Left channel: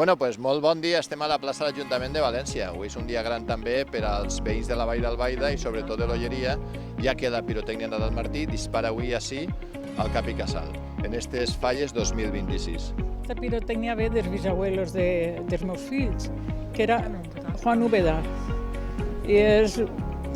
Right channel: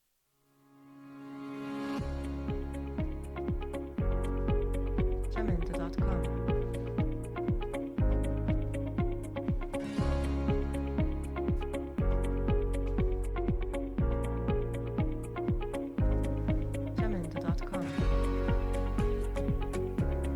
Bueno, pues molt bon dia. Estem a la plaça de l'Ajuntament de València. Avui és un dia gran també per als veïns de la Vall d'Albaida i sobretot de l'Olleria, ja que la pirotècnia Nadal Martí dispara avui així al Cap i Casal, en aquestes falles 2026. La pirotècnia ve dels bisabuelos dels meus fills, que era Juan Úbeda. I ha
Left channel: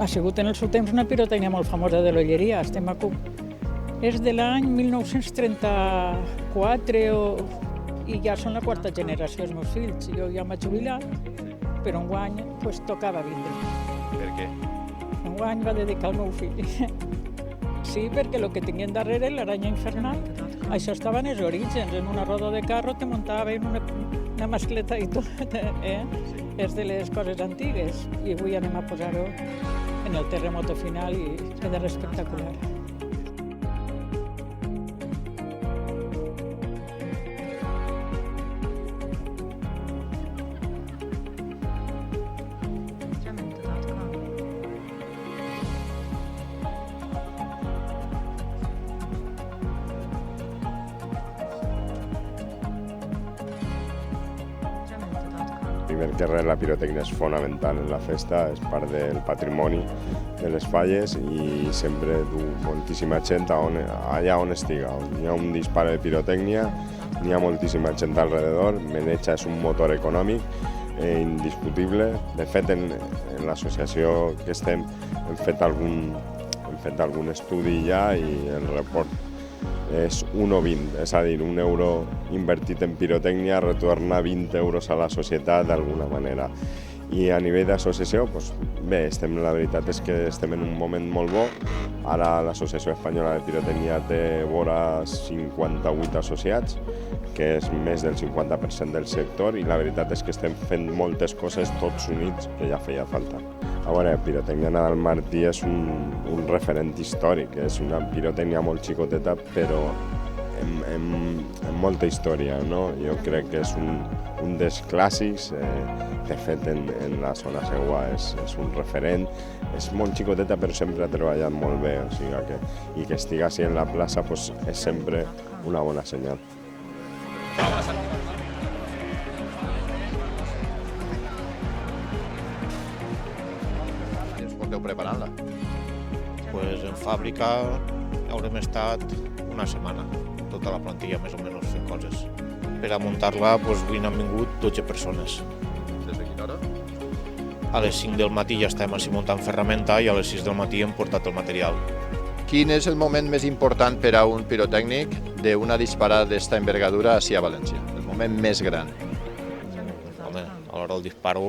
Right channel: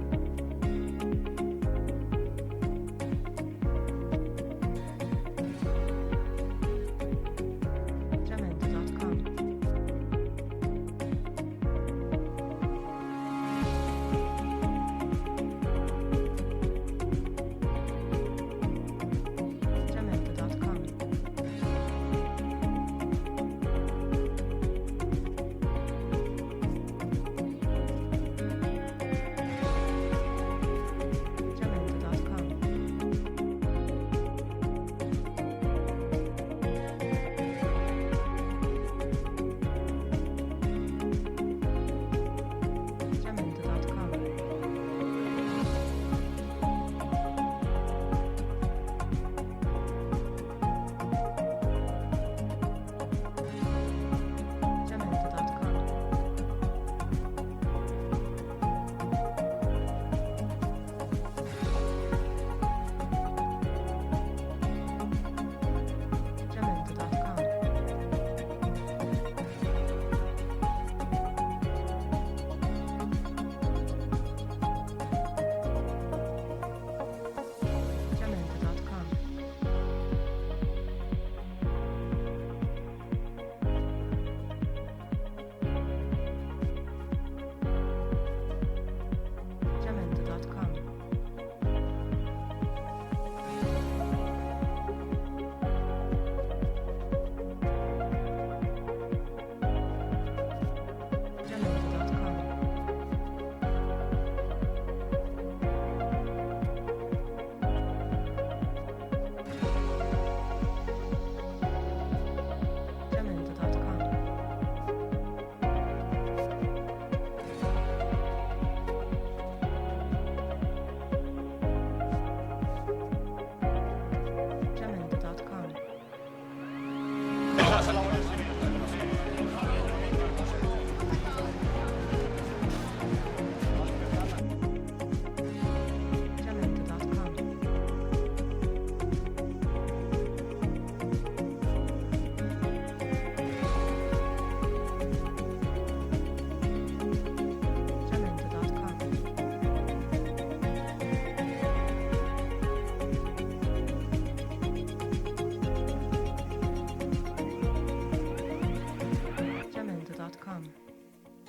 sigut en el seu temps una pirotècnia molt famosa de l'Olleria. És de l'any 1934 i ja són la quarta generació els meus fills. Jo ja em vaig jubilar, però enguany tocava vindre. Per què? Enguany va dedicar al meu fill. Sí, perquè el que tinguin darrere, l'aranya infernal, això estava en els orígens, en una roda de carro te muntaven una mascleta i tot, és de les coses antigues. I avui anem a posar-ho en el terremoto final i queda espectacular. Que res, la pirotècnia és fonamental en la festa, és part del patrimoni de les falles i sempre du moltíssima gent allà on estiga. Hi ha un disparo de pirotècnia, hi ha moltíssima gent alrededor, Menecha és un motor econòmic indiscutible. De fet, en l'associació que estem hem fet algun estudi ja i el report és 1,20, és a dir, €1 invertit en pirotècnia retorna 20 euros a la societat d'alguna manera. I a nivell d'associació, bé, la veritat és que estem en un moment molt bo. Ara l'Associació Espanyola de Pirotècnia té vora 58 associats, que és més del 50% del sector, i la veritat és que estem fent moltes coses tots units, que ja feia falta. A veure, pirotècnia Nadal Martí és un referent històric, és una pirotècnia molt xicoteta, però amb molta història, no? Jo crec que és un dels clàssics, de fet en la zona seua és un referent, és molt xicoteta però sempre ha treballat molt bé, o sigui i que estigui així en la plaça és sempre una bona senyal. Preparant-la? En fàbrica haurem estat una setmana, tota la plantilla més o menys fent coses. Per a muntar-la avui n'han vingut 12 persones. Des de quina hora? A les 5 del matí ja estem així muntant ferramenta i a les 6 del matí hem portat el material. Quin és el moment més important per a un pirotècnic d'una disparada d'esta envergadura així a València? El moment més gran? A l'hora del disparo,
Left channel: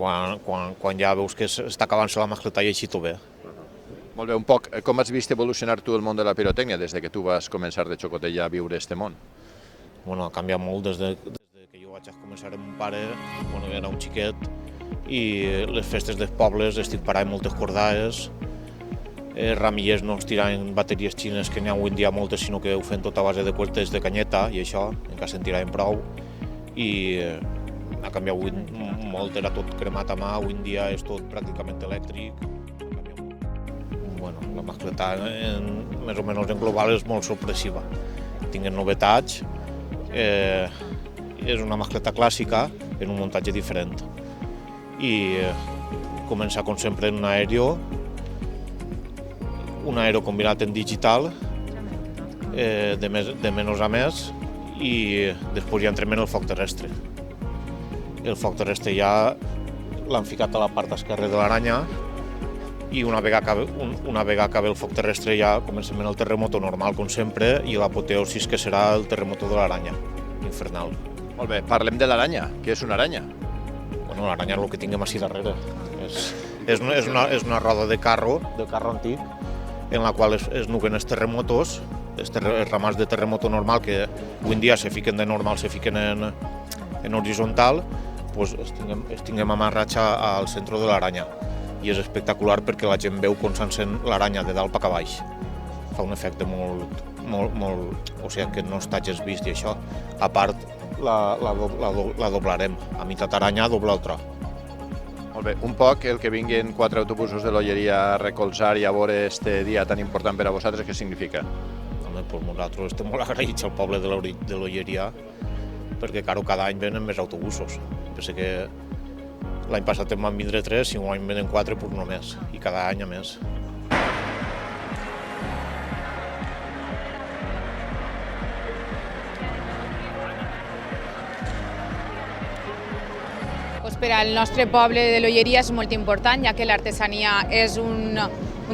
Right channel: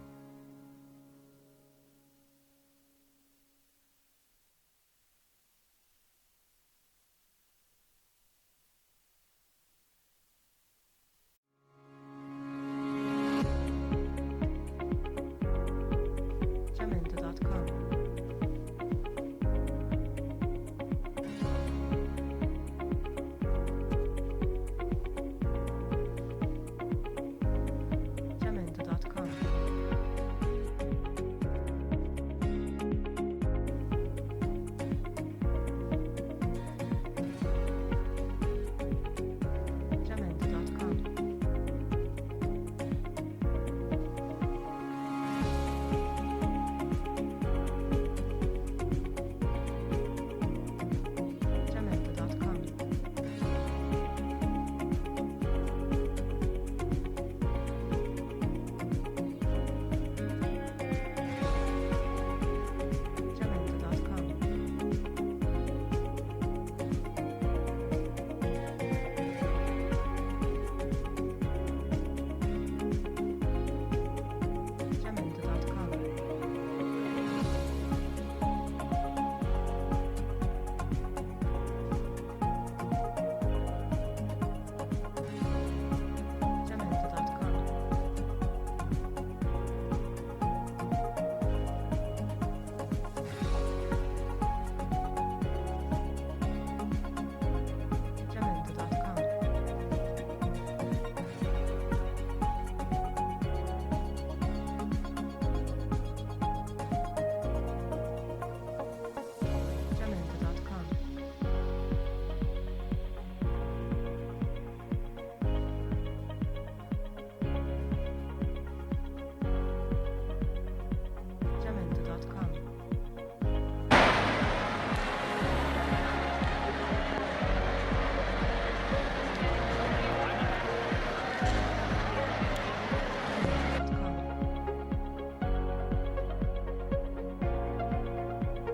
quan ja veus que està acabant-se la mascleta i així tot bé. Molt bé, un poc, com has vist evolucionar tu el món de la pirotècnia des que tu vas començar de xocotella a viure este món? Bueno, ha canviat molt des que jo vaig començar amb mon pare, quan era un xiquet, i les festes dels pobles estic parant moltes cordades, ramillers no es tiraven bateries xines, que n'hi ha avui en dia moltes, sinó que ho fem tot a base de cuertes de canyeta i això, encara se'n tiraven prou, i ha canviat molt, era tot cremat a mà, avui en dia és tot pràcticament elèctric. La mascleta, més o menys en global, és molt sorpressiva. Tinguem novetats, és una mascleta clàssica en un muntatge diferent. I comença, com sempre, en un aèrio combinat en digital, de menys a més, i després ja entrem en el foc terrestre. El foc terrestre ja l'han ficat a la part esquerra de l'aranya i una vegada acabi el foc terrestre ja comencem en el terremoto normal, com sempre, i l'apoteosis que serà el terremoto de l'aranya, infernal. Molt bé, parlem de l'aranya. Què és una aranya? Bueno, l'aranya és el que tinguem així darrere. És una roda de carro antic, en la qual es nuguen els terremotos, els ramals de terremoto normal, que avui en dia se fiquen de normal, se fiquen en horitzontal, doncs es tinguem amarrats al centre de l'aranya. I és espectacular perquè la gent veu com s'encén l'aranya de dalt cap a baix. Fa un efecte molt... O sigui, que no estàs vist i això. A part, la doblarem. A meitat aranya, doble el tro. Molt bé, un poc el que vinguin 4 autobusos de l'Olleria a recolzar i a veure este dia tan important per a vosaltres, què significa? Nosaltres estem molt agraïts al poble de l'Olleria perquè cada any venen més autobusos. Penso que l'any passat en van vindre 3, si un any venen 4, doncs no més, i cada any a més. Per al nostre poble de l'Olleria és molt important, ja que l'artesania és un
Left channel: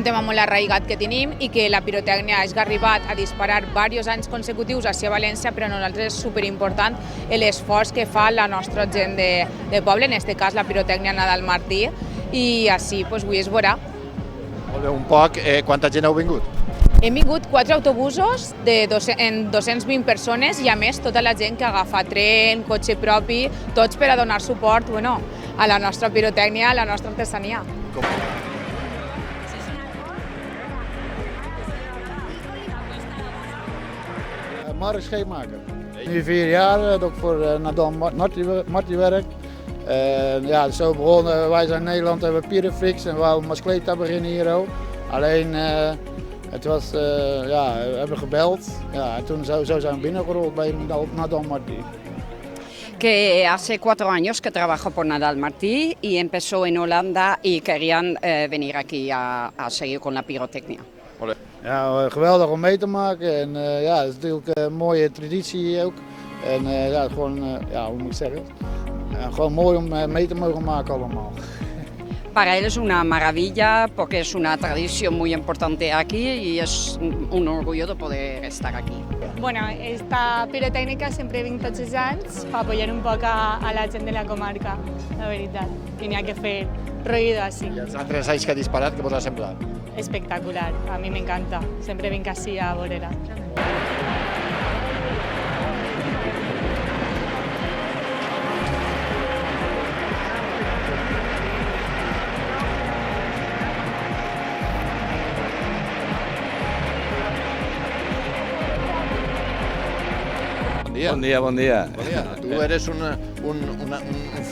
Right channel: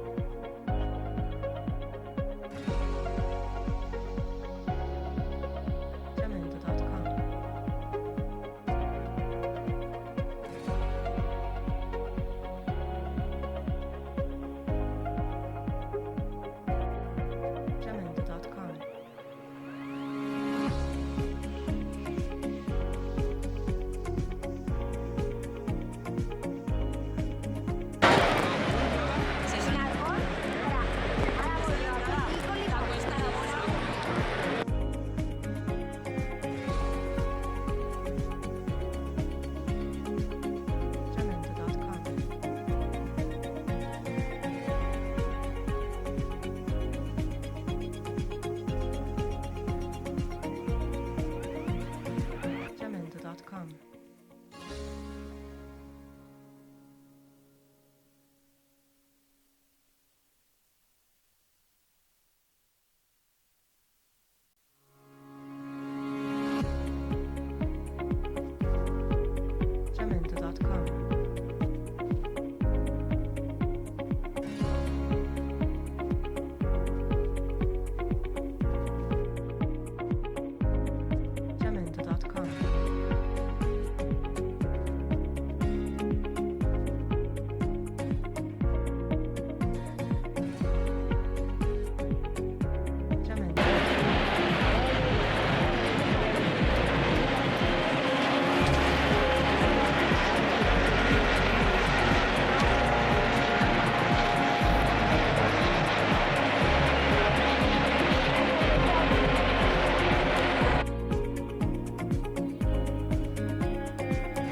tema molt arraigat que tenim i que la pirotècnia ha arribat a disparar diversos anys consecutius a València, però a nosaltres és superimportant l'esforç que fa la nostra gent de poble, en aquest cas la pirotècnia Nadal Martí, i així avui es veurà. Un poc, quanta gent heu vingut? Hem vingut 4 autobusos en 220 persones i a més tota la gent que agafa tren, cotxe propi, tots per a donar suport a la nostra pirotècnia, a la nostra artesania. Mark Scheepmaker. Nu 4 jaar, ook voor Nadal Martí werk. Ja, zo begonnen, wij zijn in Nederland, hebben Pyrofix en we wouden Mascleta beginnen hier ook. Alleen, het was, we hebben gebeld, en toen zo zijn we binnengerold bij Nadal Martí. Que hace 4 años que trabajo por Nadal Martí y empezó en Holanda y querían venir aquí a seguir con la pirotecnia. Ja, geweldig om mee te maken en ja, het is natuurlijk een mooie traditie ook. En ja, gewoon, hoe moet ik zeggen, gewoon mooi om mee te mogen maken allemaal. Para él es una maravilla porque es una tradición muy importante aquí y es un orgullo de poder estar aquí. Bueno, esta pirotècnica sempre vinc tots els anys per apoyar un poc a la gent de la comarca, la veritat. I n'hi ha que fer ruido així. I els altres anys que ha disparat, què vos ha semblat? Espectacular, a mi m'encanta. Sempre vinc així a veure-la. Bon dia. Tu eres un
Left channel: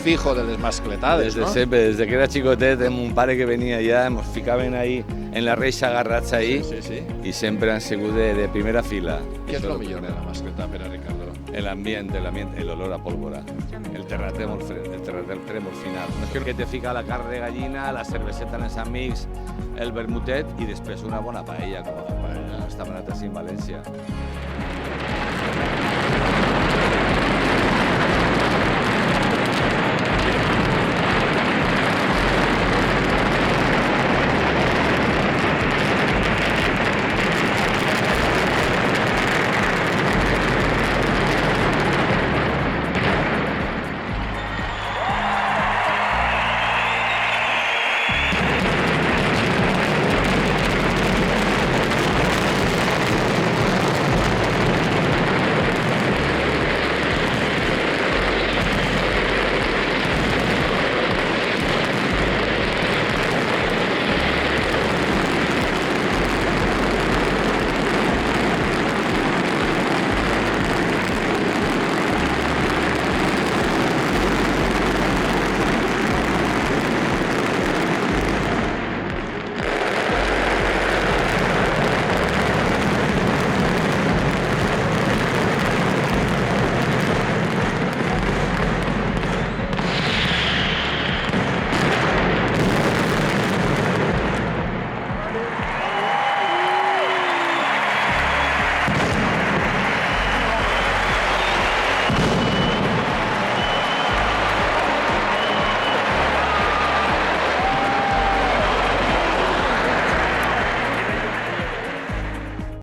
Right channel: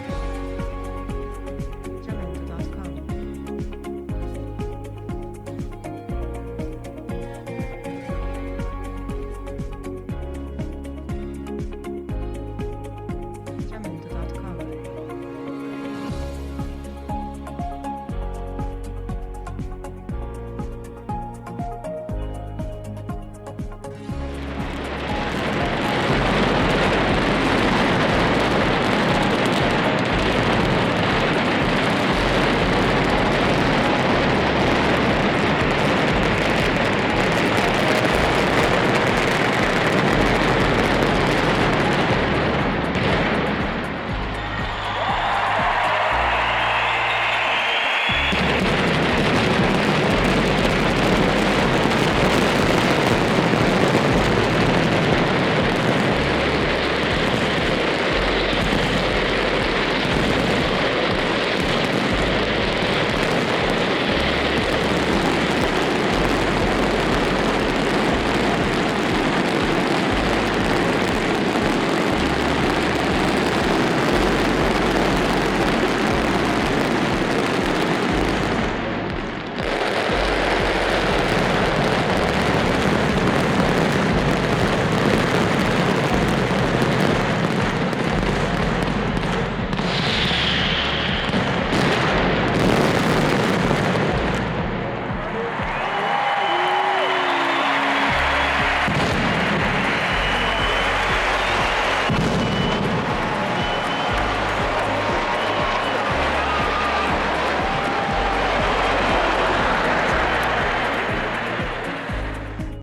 fijo de les mascletades, Desde no? sempre, desde que era xicotet, mon pare que venia allà, ens ficaven ahí en la reixa agarrats ahí i sempre han sigut de primera fila. Què és el millor de la mascleta per a Ricardo? El ambiente, el olor a pólvora, el terratrèmol final. Que te fica la carn de gallina, la cerveseta amb els amics, el vermutet i després una bona paella, com està barat així en València.